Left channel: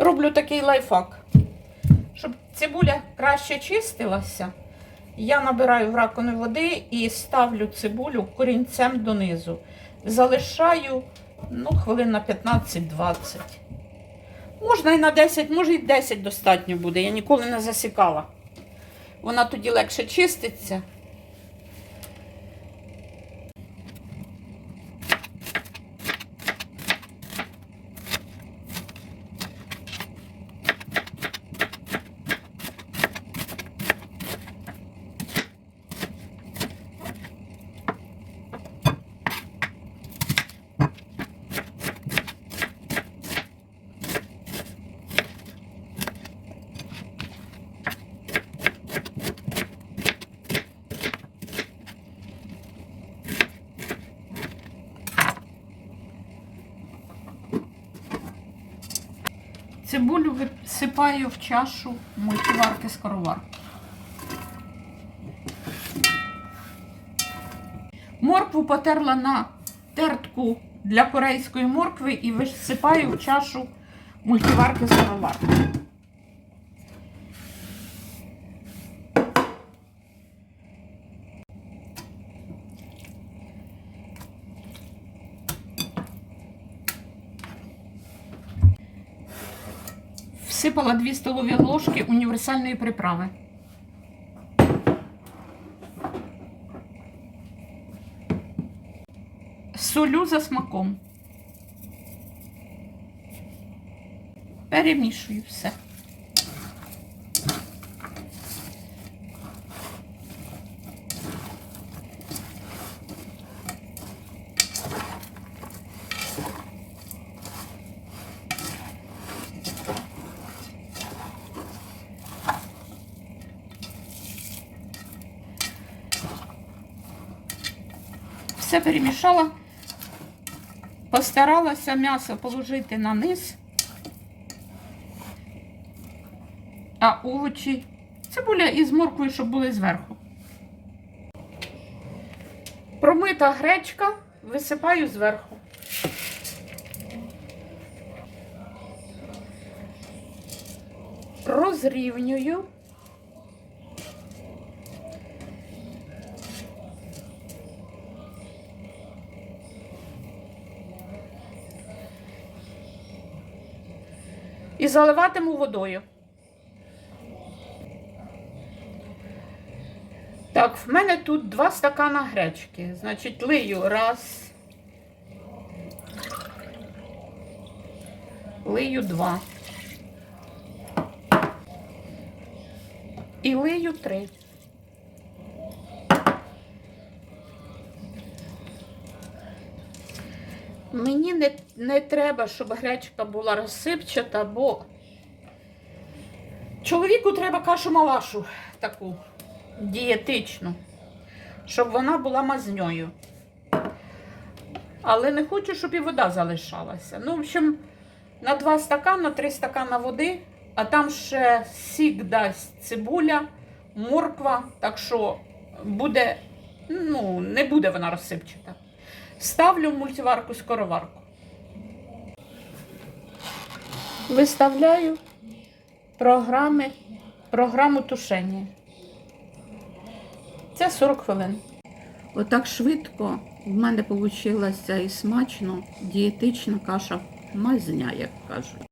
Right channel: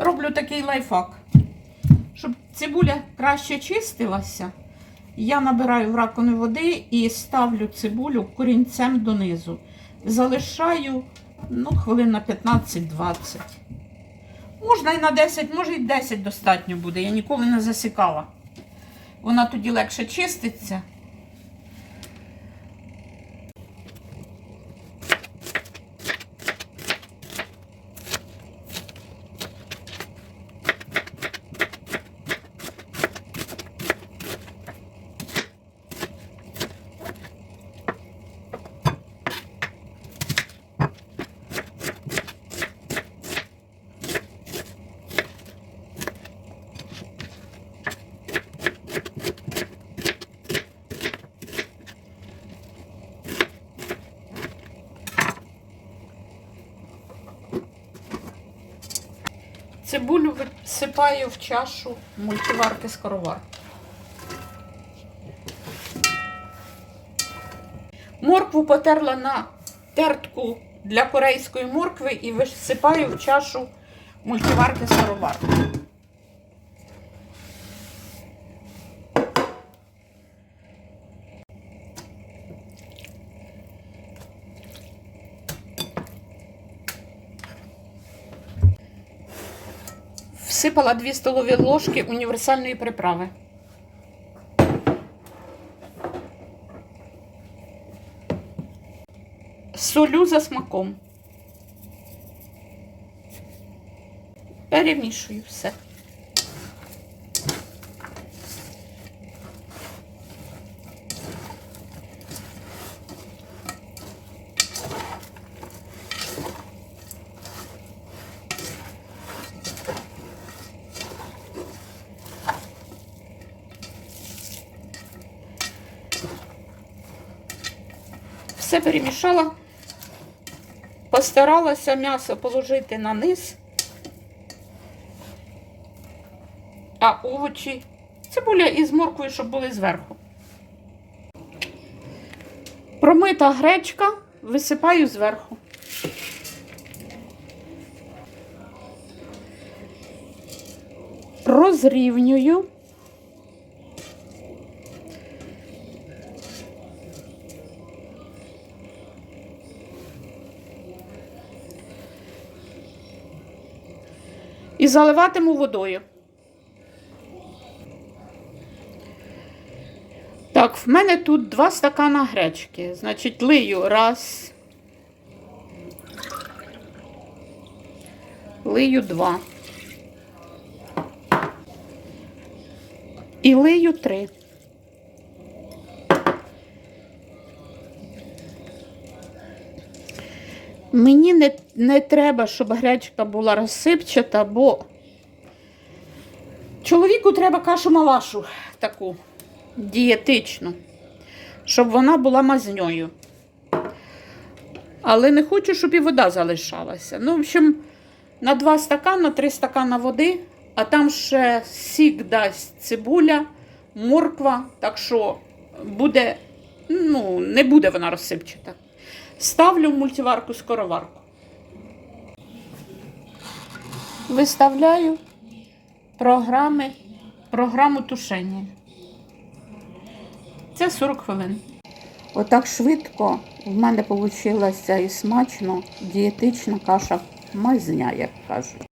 роблю такий лайфхак. Щоб цибуля краще чистилася, я набираю в раковину води і ставлю цибулю корінцем донизу. Залишаю ну, хвилин на 15-20. Можна і на 10, може і 10 достатньо буде. Я ніколи не засікала. Вона тоді легше чиститься. Цибулю висипаю в чашу мультиварки скороварки. Моркву потерла на тертку для корейської моркви і висипаю в чашу мультиварки скороварки. Всипала 2 столові ложки універсальної приправи. Солю за смаком. Перемішую все. Все перемішала. Постаралася м'ясо положити на низ, а овочі, цибуля із морквою, щоб були зверху. Промита гречка висипаю зверху. Розрівнюю. І заливатиму водою. Так, в мене тут два стакана гречки. Значить, лию раз. Лию два. І лию три. Мені не, не треба, щоб гречка була розсипчата, бо чоловіку треба кашу малашу таку дієтичну, щоб вона була мазньою. Але не хочу, щоб і вода залишалася. Ну, в общем, на два стакана, три стакана води, а там ще сік дасть цибуля, морква, так що буде, ну, не буде вона розсипчата. Ставлю в мультиварку скороварку. Виставляю програми, програму тушення. Це 40 хвилин. Отак швидко в мене вийшла і смачно дієтична каша мазня, як кажуть.